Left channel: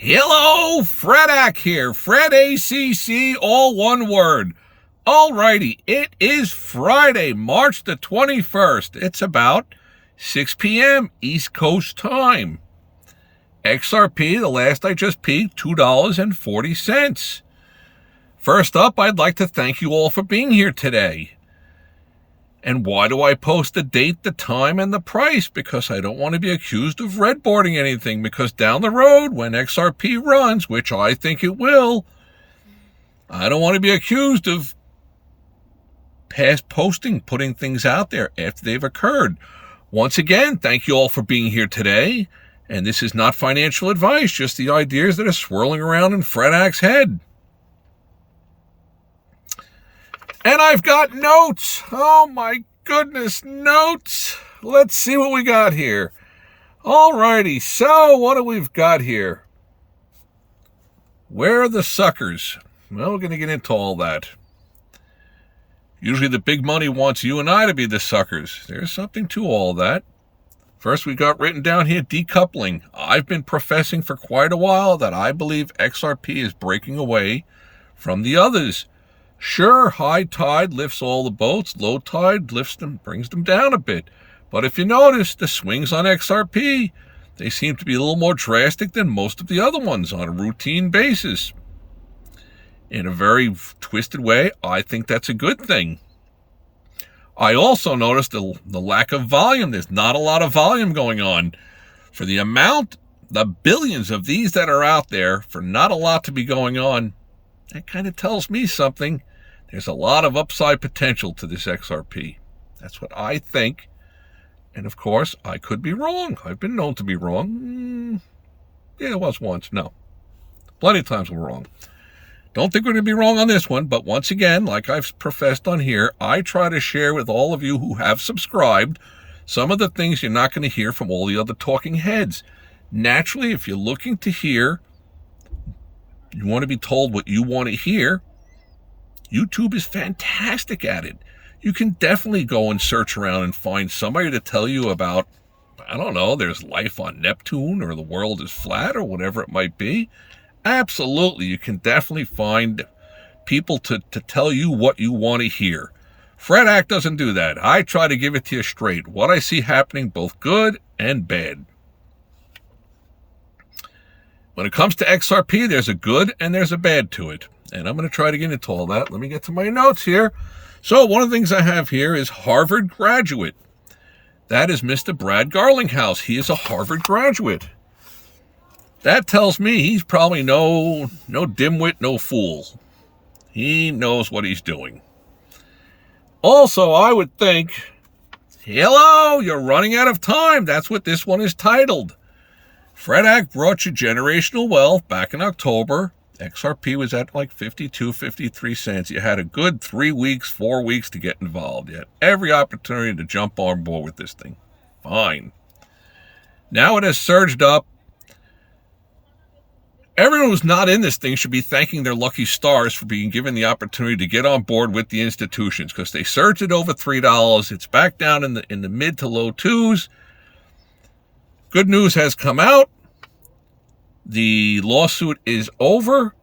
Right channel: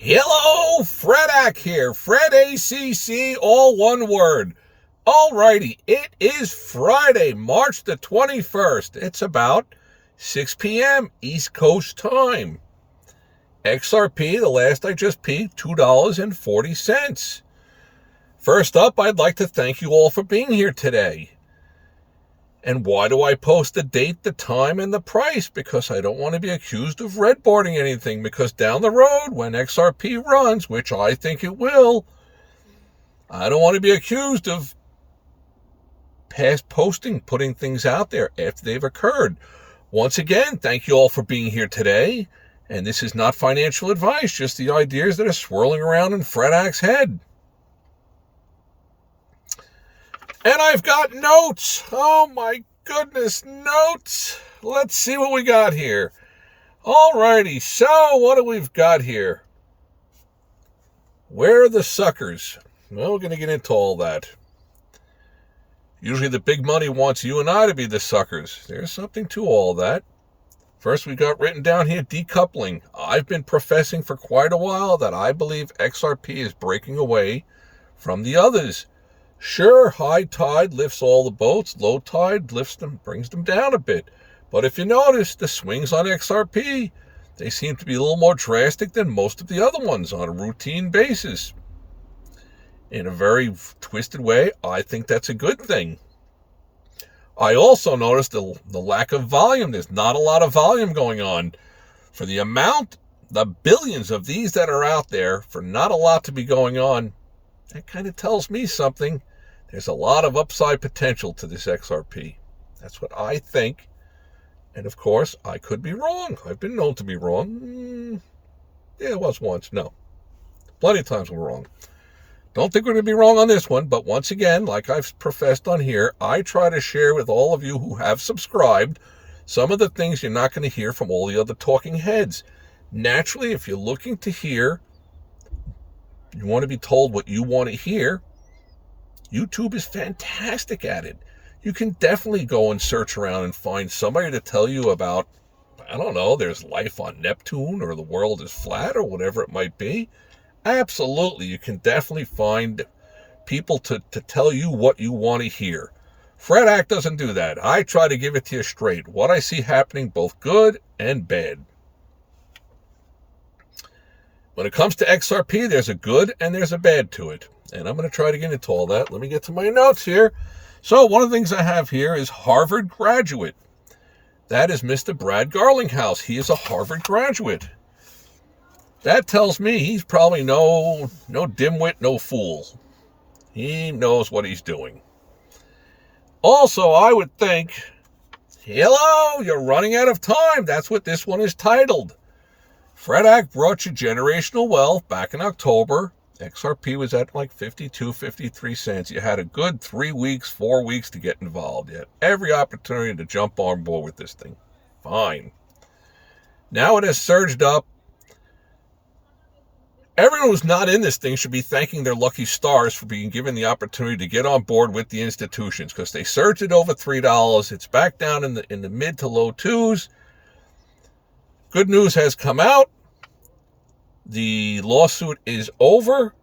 Hello, Fredak here. Fred ACC, all one word. Alrighty, it is Friday, March the 21st. It's about 6 p.m. East Coast time. XRP, the last I just peeked, $2.40. First up, I'd like to thank you all for being here today. And why do I post the date, the time, and the price? Because I don't want to be accused of redboarding anything, because down the road, when XRP runs, which I think it will, I don't want to be accused of past posting, putting things out there after they've occurred. Once again, thank you all for being here today. And this is not financial advice, just the ideas that are swirling around in Fredak's head. And I've got notes. Oh my goodness, notes. Let's see what we got here. Alrighty, so what do we've got here? Where are the suckers? Well, we're going to get into all that. Usually the big money wants you and I to be the suckers. There's something to all that. First, we got written down here, decoupling. I've been professing for quite a while that I believe XRP is breaking away from the others. Sure, high tide lifts all the boats, low tide lifts them, brings them down a bit. But if you notice, the swings on XRP, they seem to be a little more drastic than most of the other ones on a routine basis. In a very twisted way, I think that's a good thing. I also noticed the lack of volume. There's not a lot of volume going on. For the amount, the billions of these that are out there, for not a lot to be going on, that kind of tells me something. There's a lot of upside potential to this XRP. That's what I think. And of course, I could be wrong. I've been known to be wrong. Yeah, it was once. No. Plenty of times we're wrong. Don't think we're going to be wrong on this one. But once again, like I've professed on here, I try to share with all of you who have subscribed some of the things you're not going to hear from all the other talking heads. Naturally, if you're looking to hear, you want to be told what you want to hear, YouTube is fantastic at it. You can definitely go and search around and find somebody to tell you about, I don't know, there's life on Neptune or the world is flat or whatever it might be. Absolutely, you can definitely find people to tell you what you want to hear. Fredak doesn't do that. I try to give it to you straight. What I see happening, both good and bad. When it comes to XRP, there's a good and there's a bad to it. And I'm going to try to get into all that. Let me get to my notes here. So one of the things I have here is Harvard graduate. That is Mr. Brad Garlinghouse. He is a Harvard graduate. That tells me he's probably no dimwit, no fool. He knows what he's doing. Also, I would think, hello, you're running out of time. That's what this one is titled. Fredak brought you generational wealth back in October. XRP was at like 52, 53 cents. You had a good 3 weeks, 4 weeks to get involved. You had every opportunity to jump on board with this thing. Fine. Now it has surged up. Everyone who's not in this thing should be thanking their lucky stars for being given the opportunity to get on board with the institutions, because they surged it over $3. It's back down in the mid to low twos. Good news has come out. The lawsuit is over.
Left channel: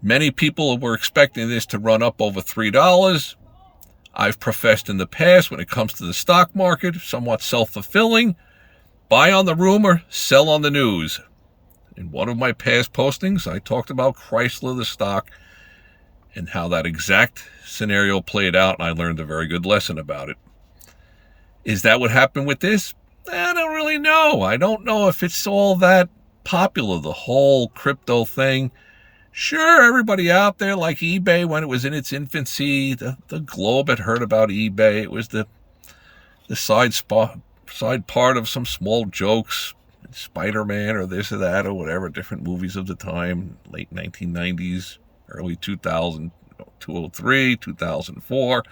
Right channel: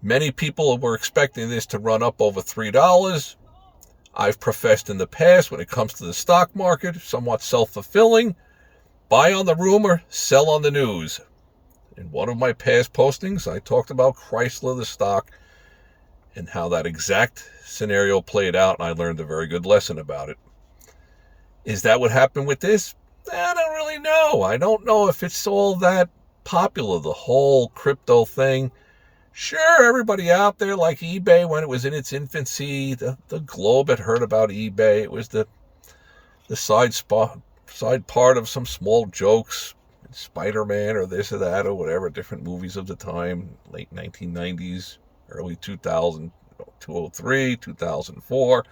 Many people were expecting this to run up over $3. I've professed in the past, when it comes to the stock market, somewhat self-fulfilling. Buy on the rumor, sell on the news. In one of my past postings, I talked about Chrysler, the stock, and how that exact scenario played out, and I learned a very good lesson about it. Is that what happened with this? I don't really know. I don't know if it's all that popular, the whole crypto thing. Sure, everybody out there, like eBay, when it was in its infancy, the globe had heard about eBay. It was the side part of some small jokes, Spider-Man or this or that or whatever, different movies of the time, late 1990s, early 2000, 2003, 2004.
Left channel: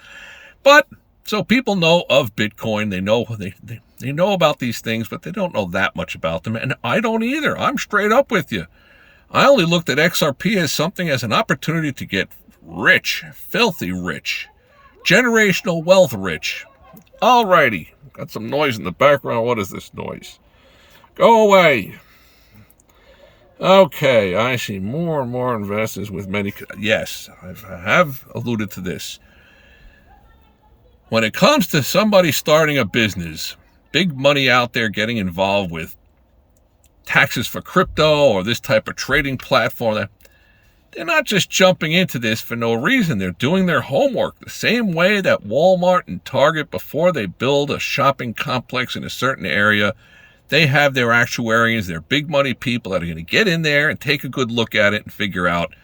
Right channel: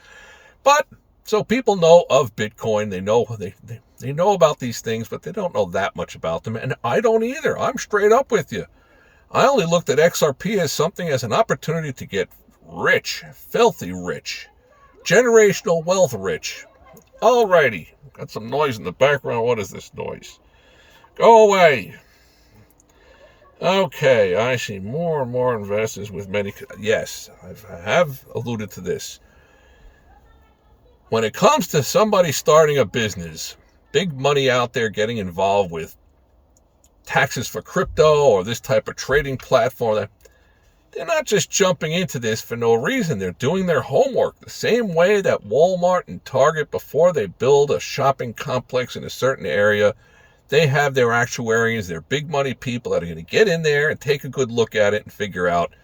But so people know of Bitcoin. They know about these things, but they don't know that much about them. And I don't either. I'm straight up with you. I only looked at XRP as something, as an opportunity to get rich, filthy rich, generational wealth rich. Alrighty. Got some noise in the background. What is this noise? Go away. Okay, I see more and more investors with many. Yes, I have alluded to this. When it comes to somebody starting a business, big money out there getting involved with taxes for crypto or this type of trading platform, they're not just jumping into this for no reason. They're doing their homework the same way that Walmart and Target, before they build a shopping complex in a certain area, they have their actuaries, their big money people that are going to get in there and take a good look at it and figure out,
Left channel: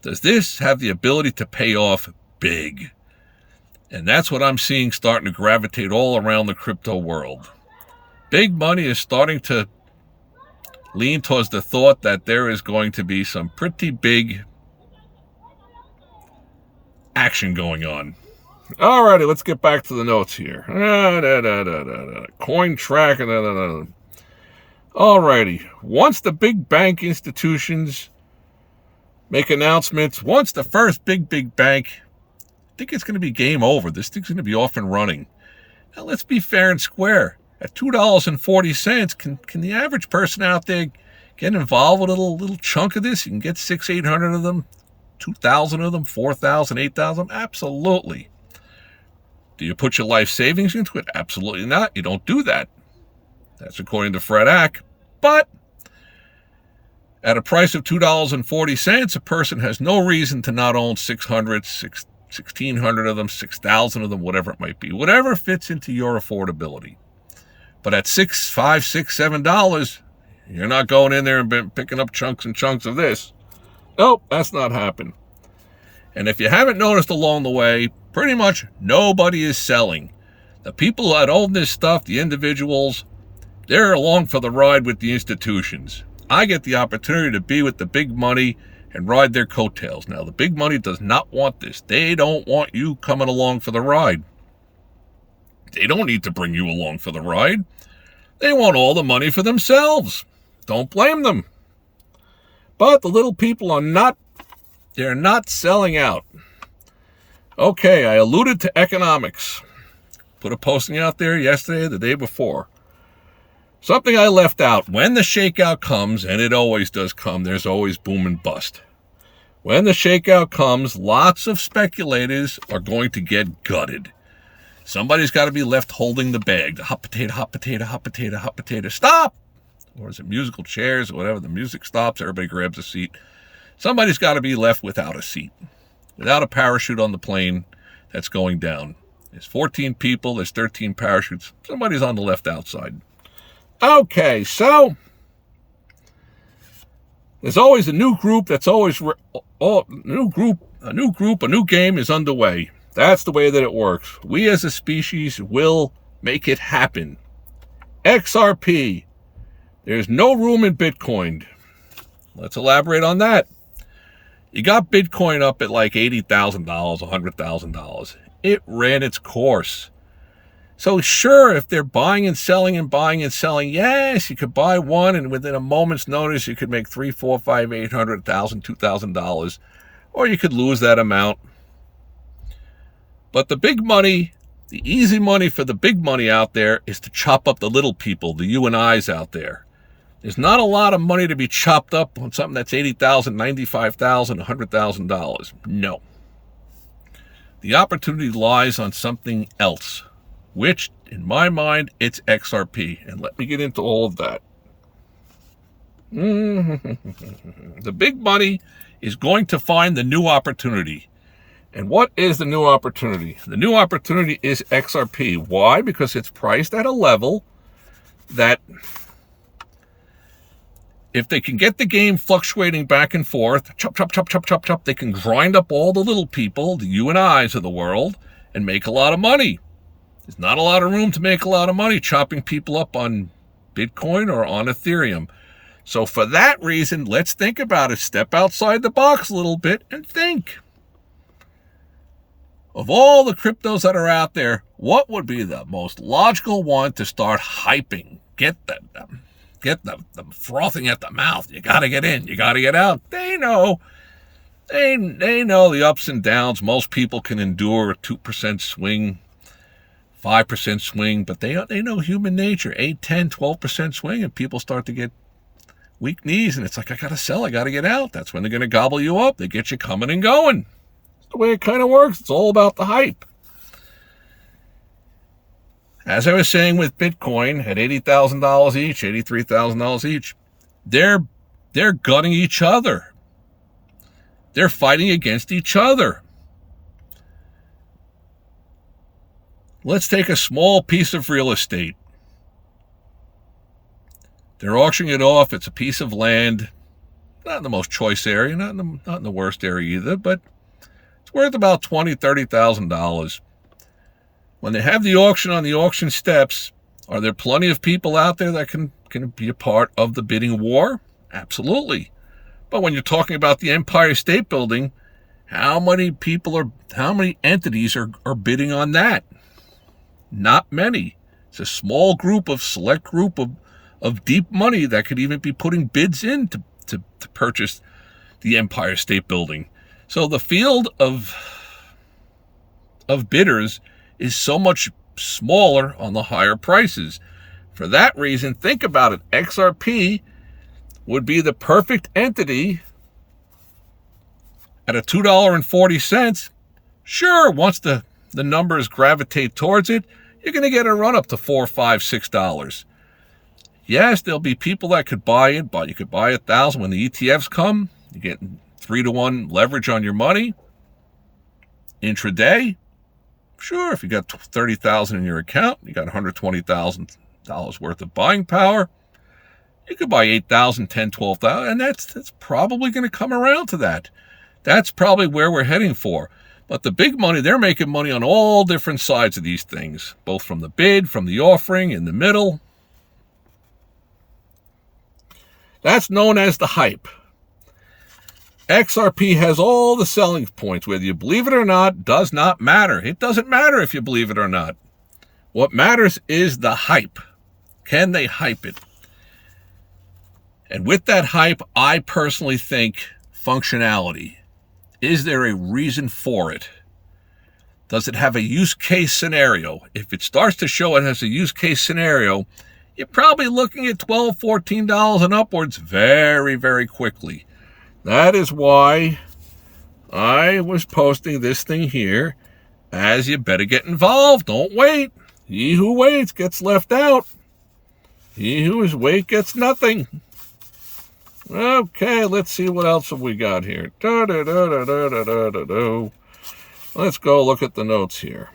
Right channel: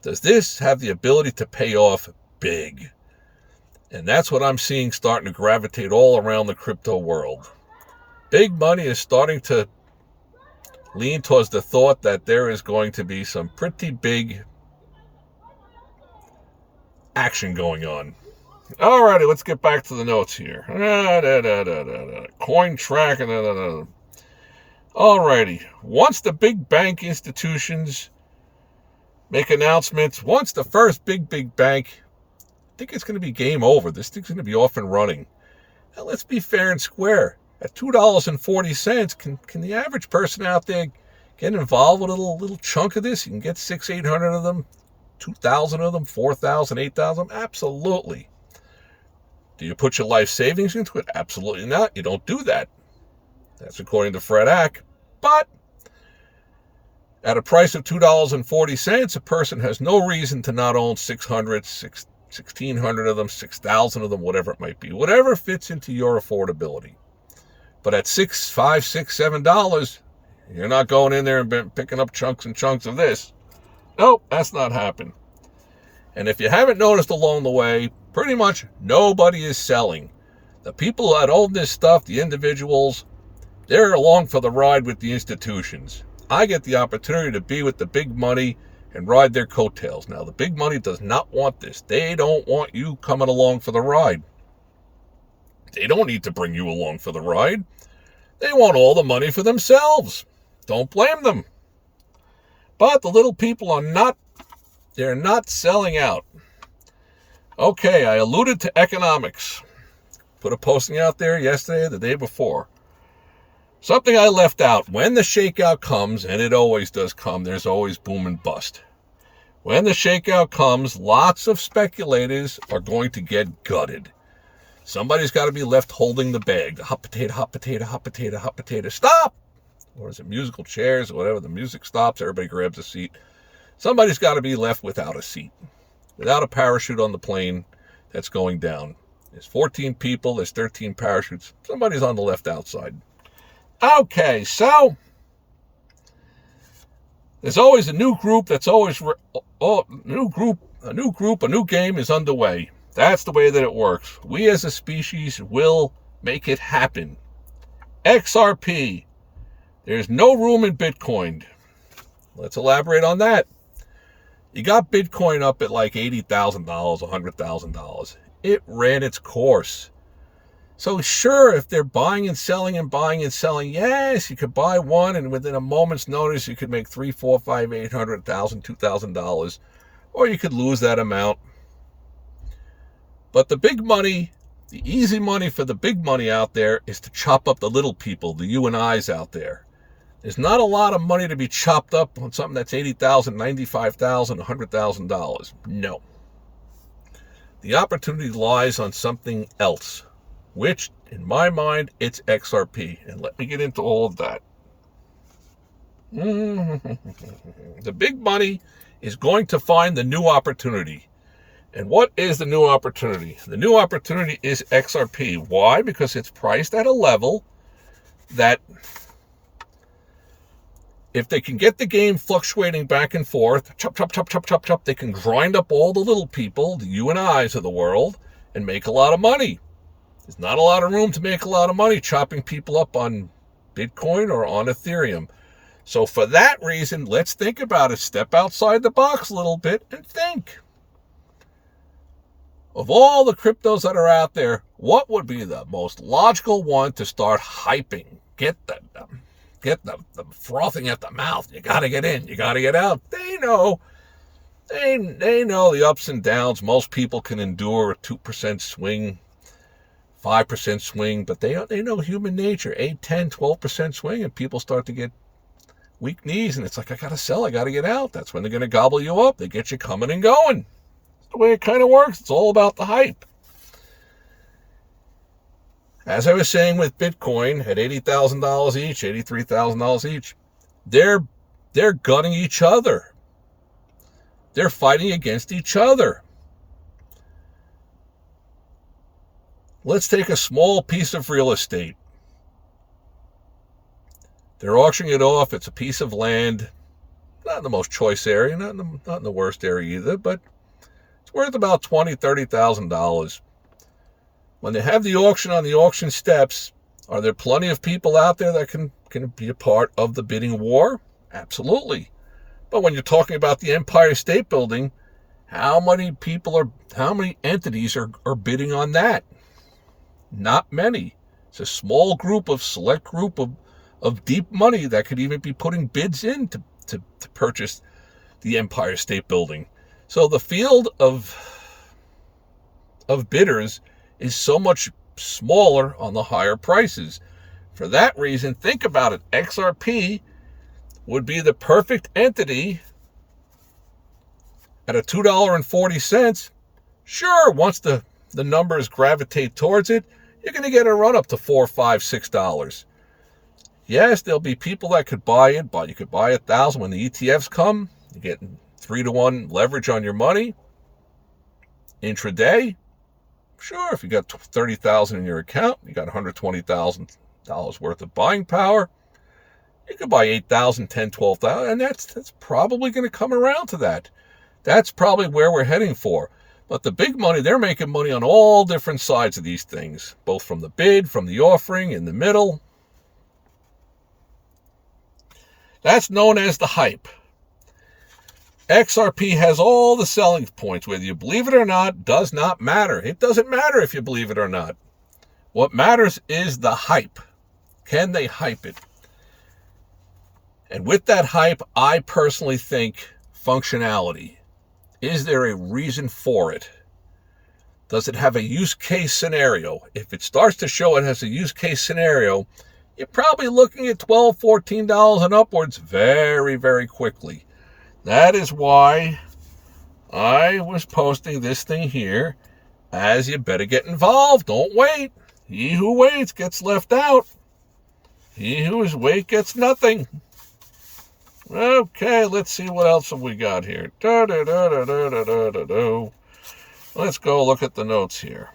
does this have the ability to pay off big? And that's what I'm seeing starting to gravitate all around the crypto world. Big money is starting to lean towards the thought that there is going to be some pretty big action going on. Alrighty, let's get back to the notes here. Coin track. Alrighty, once the big bank institutions make announcements, once the first big bank, I think it's going to be game over. This thing's going to be off and running. Now, let's be fair and square. At $2.40, can the average person out there get involved with a little chunk of this? You can get 600-800 of them, 2,000 of them, 4,000, 8,000. Absolutely. Do you put your life savings into it? Absolutely not. You don't do that. That's according to Fred Ack. But at a price of $2.40, a person has no reason to not own 600, 1,600 of them, 6,000 of them, whatever it might be. Whatever fits into your affordability. But at $5, $6, $7, you're not going in there and picking up chunks and chunks of this. Nope, that's not happening. And if you haven't noticed along the way, pretty much nobody is selling. The people that own this stuff, the individuals, they're along for the ride with the institutions. I get the opportunity to be with the big money and ride their coattails. Now, the big money does not want this. They don't want you coming along for the ride. They don't need to bring you along for the ride. They want all the money for themselves. Don't blame them. But the little people are not, they're not selling out. Okay, I alluded to economics. Put a posting out there yesterday, the day before. Something I left out. When the shakeout comes, and it always does come, there's always boom and bust. When the shakeout comes, lots of speculators are going to get gutted. Somebody's got to be left holding the bag. The hot potato, hot potato, hot potato, hot potato. Stop! Or is it musical chairs or whatever? The music stops, everybody grabs a seat. Somebody's got to be left without a seat, without a parachute on the plane that's going down. There's 14 people, there's 13 parachutes. Somebody's on the left outside. Okay, so there's always a new group that's always a new game is underway. That's the way that it works. We as a species will make it happen. XRP. There's no room in Bitcoin. Let's elaborate on that. You got Bitcoin up at like $80,000, $100,000. It ran its course. So sure, if they're buying and selling, yes, you could buy one and within a moment's notice you could make $300, $400, $500, $800, $1,000, $2,000, or you could lose that amount. But the big money, the easy money for the big money out there is to chop up the little people, the you and I's out there. There's not a lot of money to be chopped up on something that's $80,000, $95,000, $100,000. No. The opportunity lies on something else, which, in my mind, it's XRP. And let me get into all of that. The big money is going to find the new opportunity. And what is the new opportunity? The new opportunity is XRP. Why? Because it's priced at a level that if they can get the game fluctuating back and forth, chop, chop, chop, chop, chop, chop, they can grind up all the little people, the you and I's of the world, and make a lot of money. There's not a lot of room to make a lot of money chopping people up on Bitcoin or on Ethereum. So for that reason, let's think about it. Step outside the box a little bit and think. Of all the cryptos that are out there, what would be the most logical one to start hyping? Get the frothing at the mouth. You got to get in. You got to get out. They know. They know the ups and downs. Most people can endure a 2% swing, 5% swing, but they know human nature. 8, 10, 12% swing, and people start to get weak knees, and it's like, I got to sell, I got to get out. That's when they're going to gobble you up. They get you coming and going. That's the way it kind of works. It's all about the hype. As I was saying with Bitcoin at $80,000 each, $83,000 each, they're gutting each other. They're fighting against each other. Let's take a small piece of real estate. They're auctioning it off. It's a piece of land, not in the most choice area, not in the worst area either, but it's worth about $20,000, $30,000. When they have the auction on the auction steps, are there plenty of people out there that can be a part of the bidding war? Absolutely. But when you're talking about the Empire State Building, how many entities are bidding on that? Not many. It's a small group, select group of deep money that could even be putting bids in to purchase the Empire State Building. So the field of bidders is so much smaller on the higher prices. For that reason, think about it. XRP would be the perfect entity at a $2.40. Sure, once the numbers gravitate towards it, you're going to get a run up to $4, $5, $6. Yes, there'll be people that could buy it, but you could buy 1,000 when the ETFs come. You get 3-to-1 leverage on your money. Intraday, sure, if you got 30,000 in your account, you got $120,000 worth of buying power. You could buy 8,000, 10, 12,000, and that's probably going to come around to that. That's probably where we're heading for. But the big money, they're making money on all different sides of these things, both from the bid, from the offering, in the middle. That's known as the hype. XRP has all the selling points. Whether you believe it or not does not matter. It doesn't matter if you believe it or not. What matters is the hype. Can they hype it? And with that hype, I personally think functionality. Is there a reason for it? Does it have a use case scenario? If it starts to show it has a use case scenario, you're probably looking at $12, $14 and upwards very, very quickly. That is why I was posting this thing here as you better get involved. Don't wait. He who waits gets left out. He who is wait gets nothing. Okay, let's see what else have we got here. Let's go look at the notes here.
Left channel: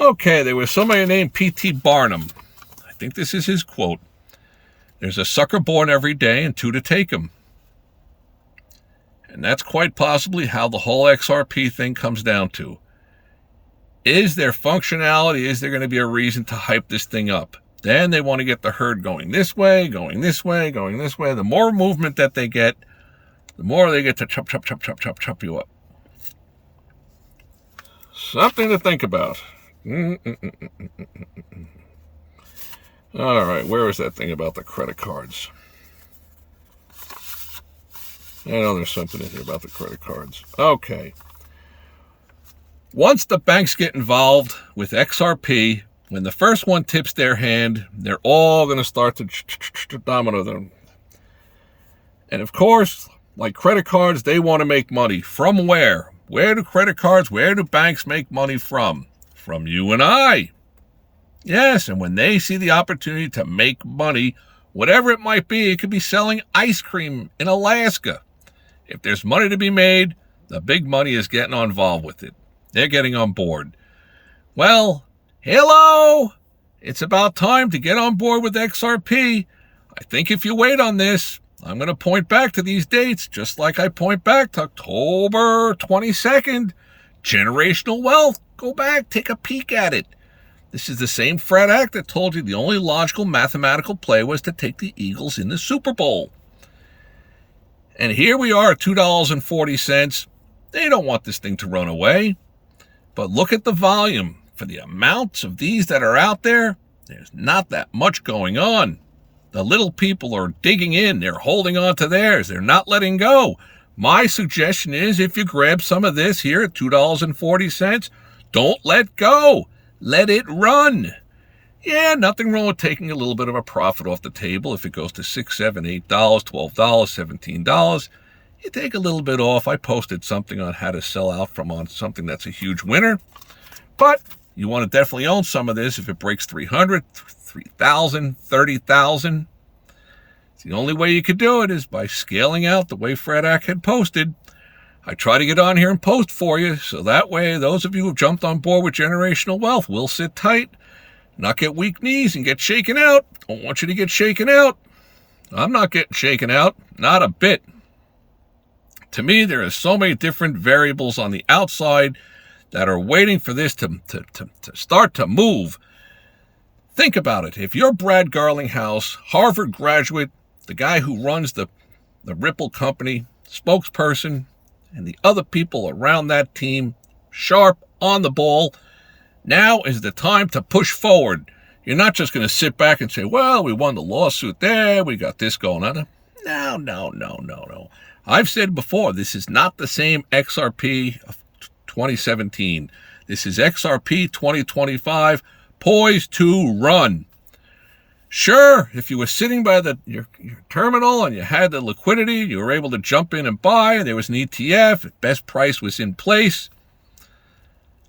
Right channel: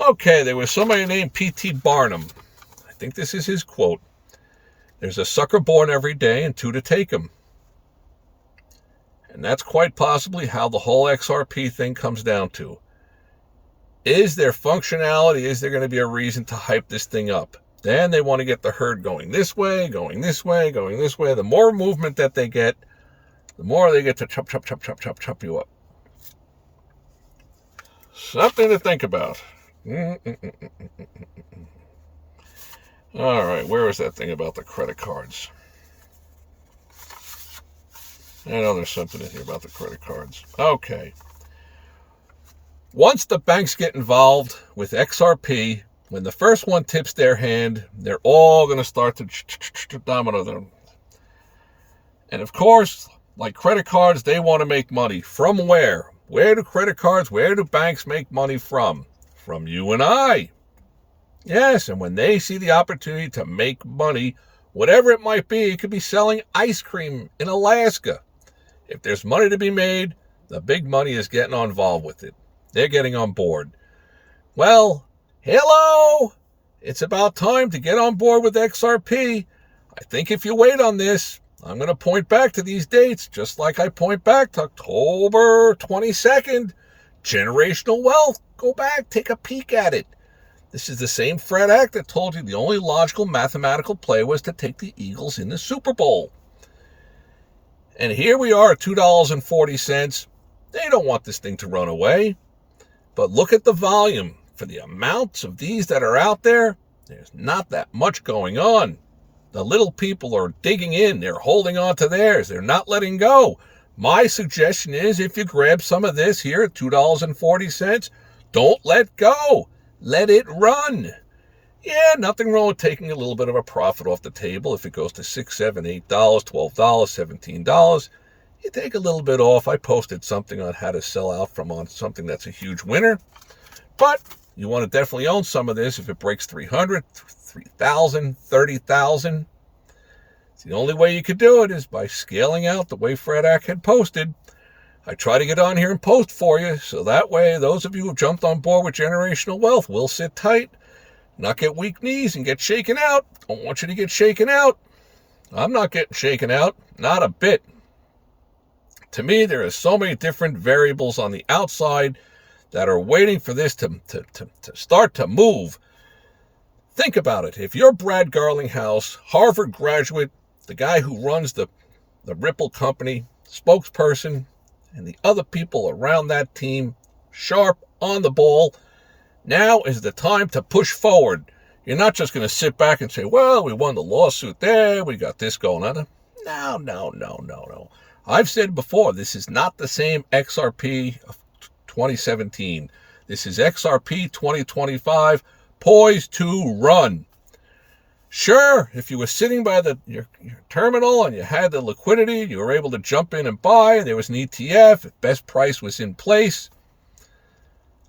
Okay, there was somebody named P.T. Barnum. I think this is his quote. There's a sucker born every day and two to take him. And that's quite possibly how the whole XRP thing comes down to. Is there functionality? Is there going to be a reason to hype this thing up? Then they want to get the herd going this way, going this way, going this way. The more movement that they get, the more they get to chop you up. Something to think about. All right, where is that thing about the credit cards? I know there's something in here about the credit cards. Okay. Once the banks get involved with XRP, when the first one tips their hand, they're all going to start to domino them. And of course, like credit cards, they want to make money. From where? Where do credit cards, where do banks make money from? From you and I. Yes, and when they see the opportunity to make money, whatever it might be, it could be selling ice cream in Alaska. If there's money to be made, the big money is getting involved with it. They're getting on board. Well, hello! It's about time to get on board with XRP. I think if you wait on this, I'm going to point back to these dates, just like I point back to October 22nd. Generational wealth. Go back, take a peek at it. This is the same Fred Act that told you the only logical mathematical play was to take the Eagles in the Super Bowl. And here we are at $2.40. They don't want this thing to run away. But look at the volume. For the amounts of these that are out there, there's not that much going on. The little people are digging in. They're holding on to theirs. They're not letting go. My suggestion is if you grab some of this here at $2.40, don't let go. Let it run. Yeah, nothing wrong with taking a little bit of a profit off the table. If it goes to $6, $7, $8, $12, $17, you take a little bit off. I posted something on how to sell out from on something that's a huge winner. But you want to definitely own some of this if it breaks 300, 3,000, 30,000. The only way you could do it is by scaling out the way Fred Ack had posted. I try to get on here and post for you, so that way those of you who jumped on board with generational wealth will sit tight, not get weak knees and get shaken out. Don't want you to get shaken out. I'm not getting shaken out, not a bit. To me, there are so many different variables on the outside that are waiting for this to start to move. Think about it. If you're Brad Garlinghouse, Harvard graduate, the guy who runs the Ripple company, spokesperson, and the other people around that team, sharp, on the ball, now is the time to push forward. You're not just going to sit back and say, well, we won the lawsuit there, we got this going on. No. I've said before, this is not the same XRP of 2017. This is XRP 2025, poised to run. Sure, if you were sitting by your terminal and you had the liquidity, you were able to jump in and buy, and there was an ETF, best price was in place,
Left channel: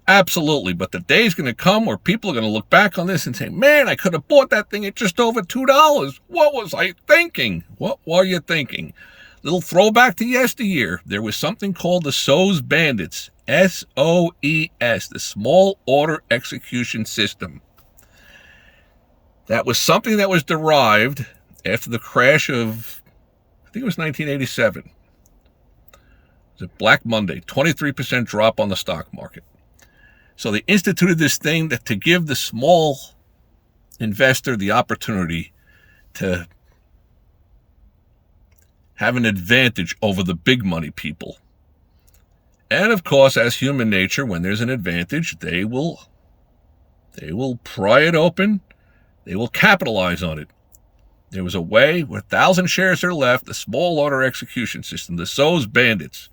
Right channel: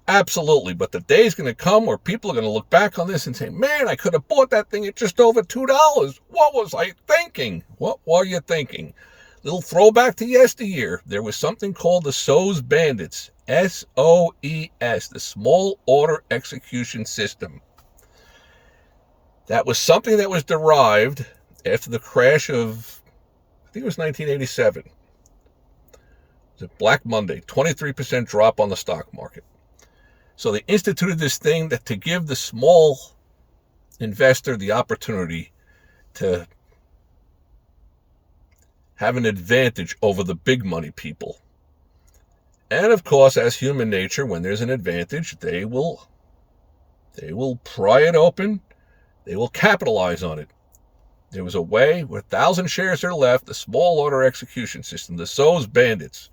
absolutely. But the day's going to come where people are going to look back on this and say, man, I could have bought that thing at just over $2. What was I thinking? What were you thinking? Little throwback to yesteryear. There was something called the SOES Bandits, SOES, the Small Order Execution System. That was something that was derived after the crash of, I think it was 1987. It was a Black Monday, 23% drop on the stock market. So they instituted this thing to give the small investor the opportunity to have an advantage over the big money people. And of course, as human nature, when there's an advantage, they will pry it open. They will capitalize on it. There was a way, with 1,000 shares are left, the small order execution system, the SOES Bandits.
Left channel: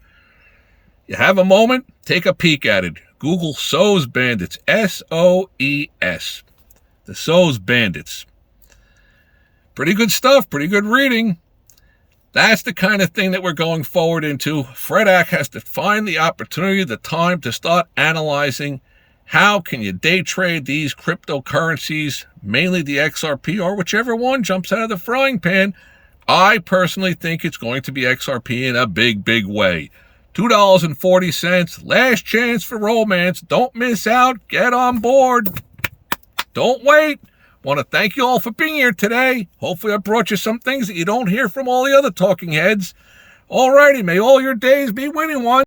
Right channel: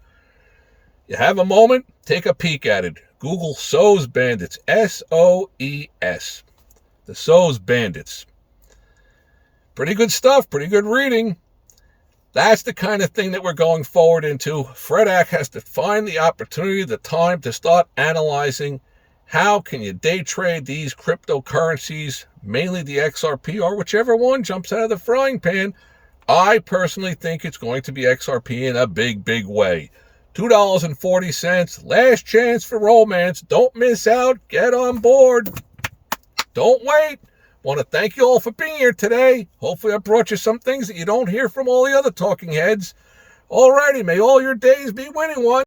You have a moment, take a peek at it. Google SOES Bandits, SOES, the SOES Bandits. Pretty good stuff, pretty good reading. That's the kind of thing that we're going forward into. Fred Ack has to find the opportunity, the time to start analyzing how can you day trade these cryptocurrencies, mainly the XRP or whichever one jumps out of the frying pan. I personally think it's going to be XRP in a big, big way. $2.40, last chance for romance. Don't miss out. Get on board. Don't wait. Want to thank you all for being here today. Hopefully I brought you some things that you don't hear from all the other talking heads. All righty, may all your days be winning ones.